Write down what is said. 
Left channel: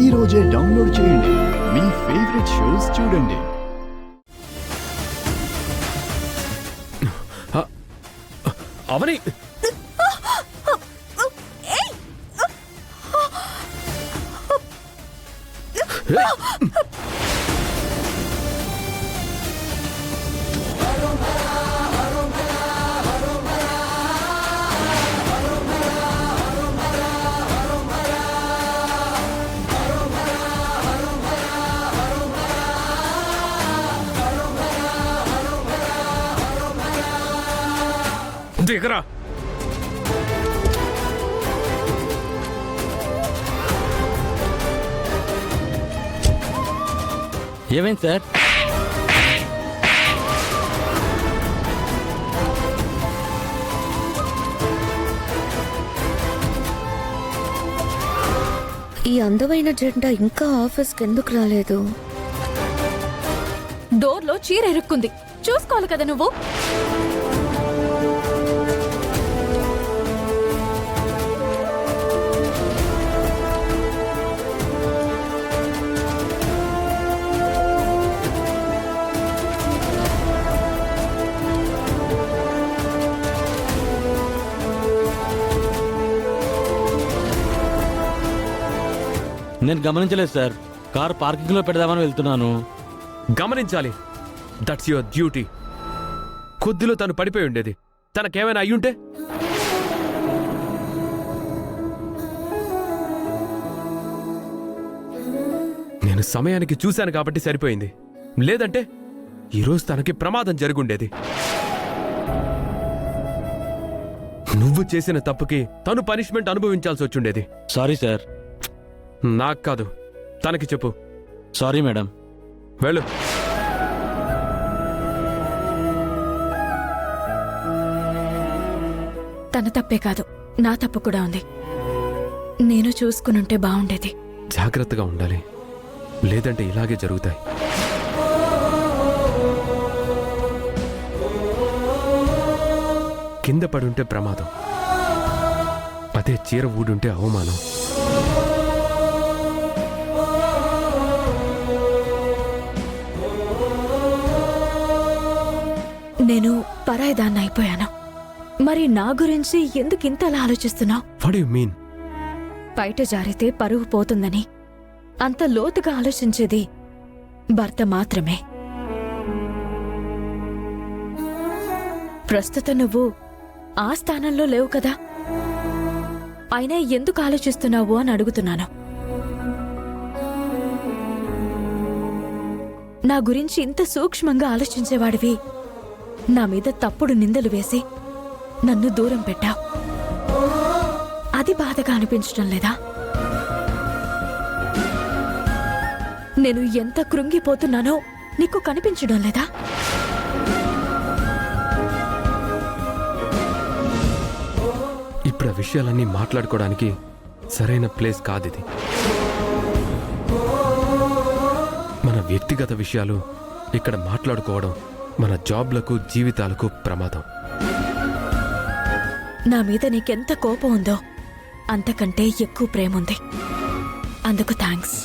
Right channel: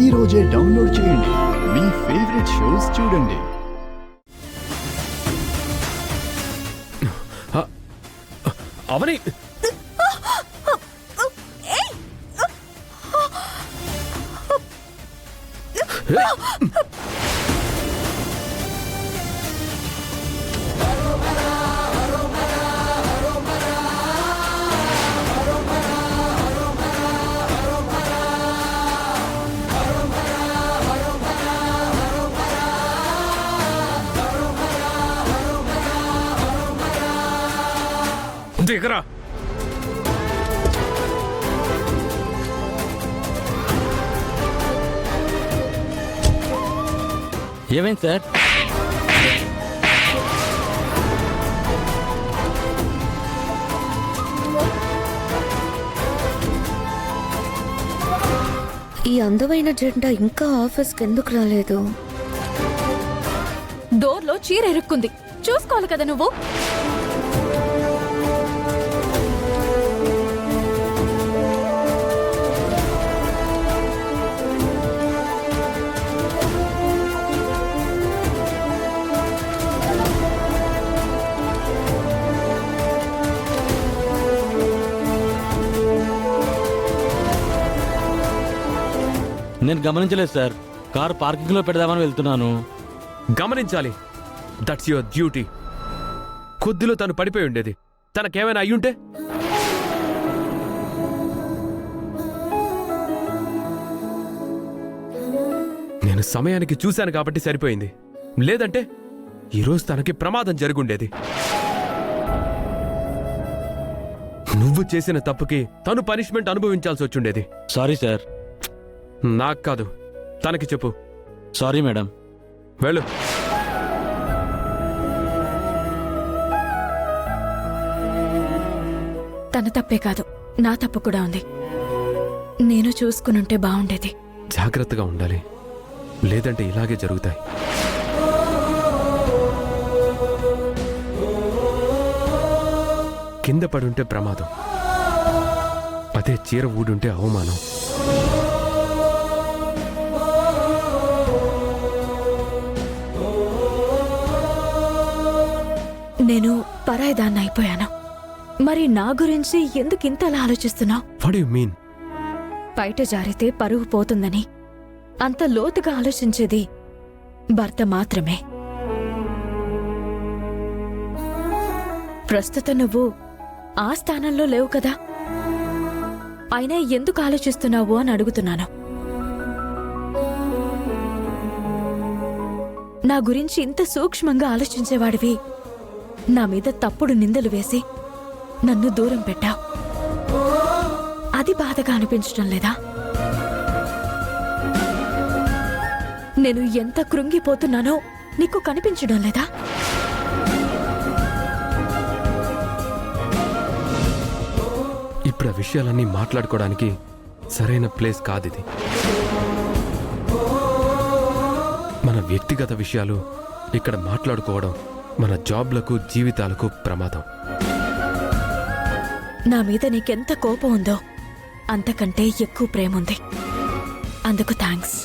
ఈ రోజే డౌన్లోడ్ చేయండి. మీ ఫేవరెట్ షోస్ చూడండి. అవని దిగరా. ఏమైంది సార్? ఈ అందమైన జెండా ఇంకా ఆఫీస్కి ఎందుకు రాలేదు? డోర్లో చీర ఇరుక్కుంది, చూసుకోవాలి కదా నువ్వు. నేను గమనించలేదు సార్. కారు పార్కింగ్లో పెడదామని వెళ్తున్నాను. గమనించాలి. That's your duty. కొద్దిలో తను పడిపోయి ఉండేది. తనకేమైనా అయ్యుంటే? నేను సమయానికి చూశాను కాబట్టి సరిపోయింది. లేదంటే ఈరోజు తనకి ప్రమాదం జరుగుండేది. నువ్వు చేసిన తప్పుకి తను పనిష్మెంట్ అనుభవించాల్సి వచ్చుండేది. Sorry sir. నాకు కాదు, తనకి చెప్పు. Sorry madam. వెళ్ళు. తన తప్పే కాదు, నా తప్పు కూడా ఉంది. నేను చూసుకునుంటే బాగుండేది. జాగ్రత్తగా ఉండాలి, లేదంటే ఇలాగే జరుగుతాయి. కింద పడుంటే ప్రమాదం, అదే చీర ఊడుంటే అవమానం. నేను పరాయిదాన్ని అయిపోయాను. మరి నా గురించి ఎందుకు ఇంతలా ఆలోచిస్తున్నావు? What you mean? బయట జారితే పరువు పోతుందని అంత లోతుగా ఆలోచించేది భర్త మాత్రమే. ప్రస్తుతం నువ్వు ఆ స్థానంలో లేవు కదా, అయినా ఎందుకు ఆలోచిస్తున్నావు అని అడుగుతున్నాను. నా గురించి ఇంత సూక్ష్మంగా ఆలోచించేవాడివి నా మీద తప్పుడు నిందలు వేసి నన్ను దూరం పెట్టావు. అది బాధగా అనిపించడం లేదా? నేను ఎంత కృంగిపోతున్నానో నీకు కనిపించడం లేదా? ఇప్పుడు ఆ విషయాలన్నీ మాట్లాడుకోవడానికి సరైన ప్లేస్ కాదిది. మన వ్యక్తిగత విషయాలు ఇక్కడ మాట్లాడుకోవడం మన జాబ్లకు జీవితాలకు ప్రమాదం. నా మీద నీకెంత కోపం ఉందో అంతకంటే ఎక్కువ ప్రేమ ఉంది. అందుకు థ్యాంక్స్.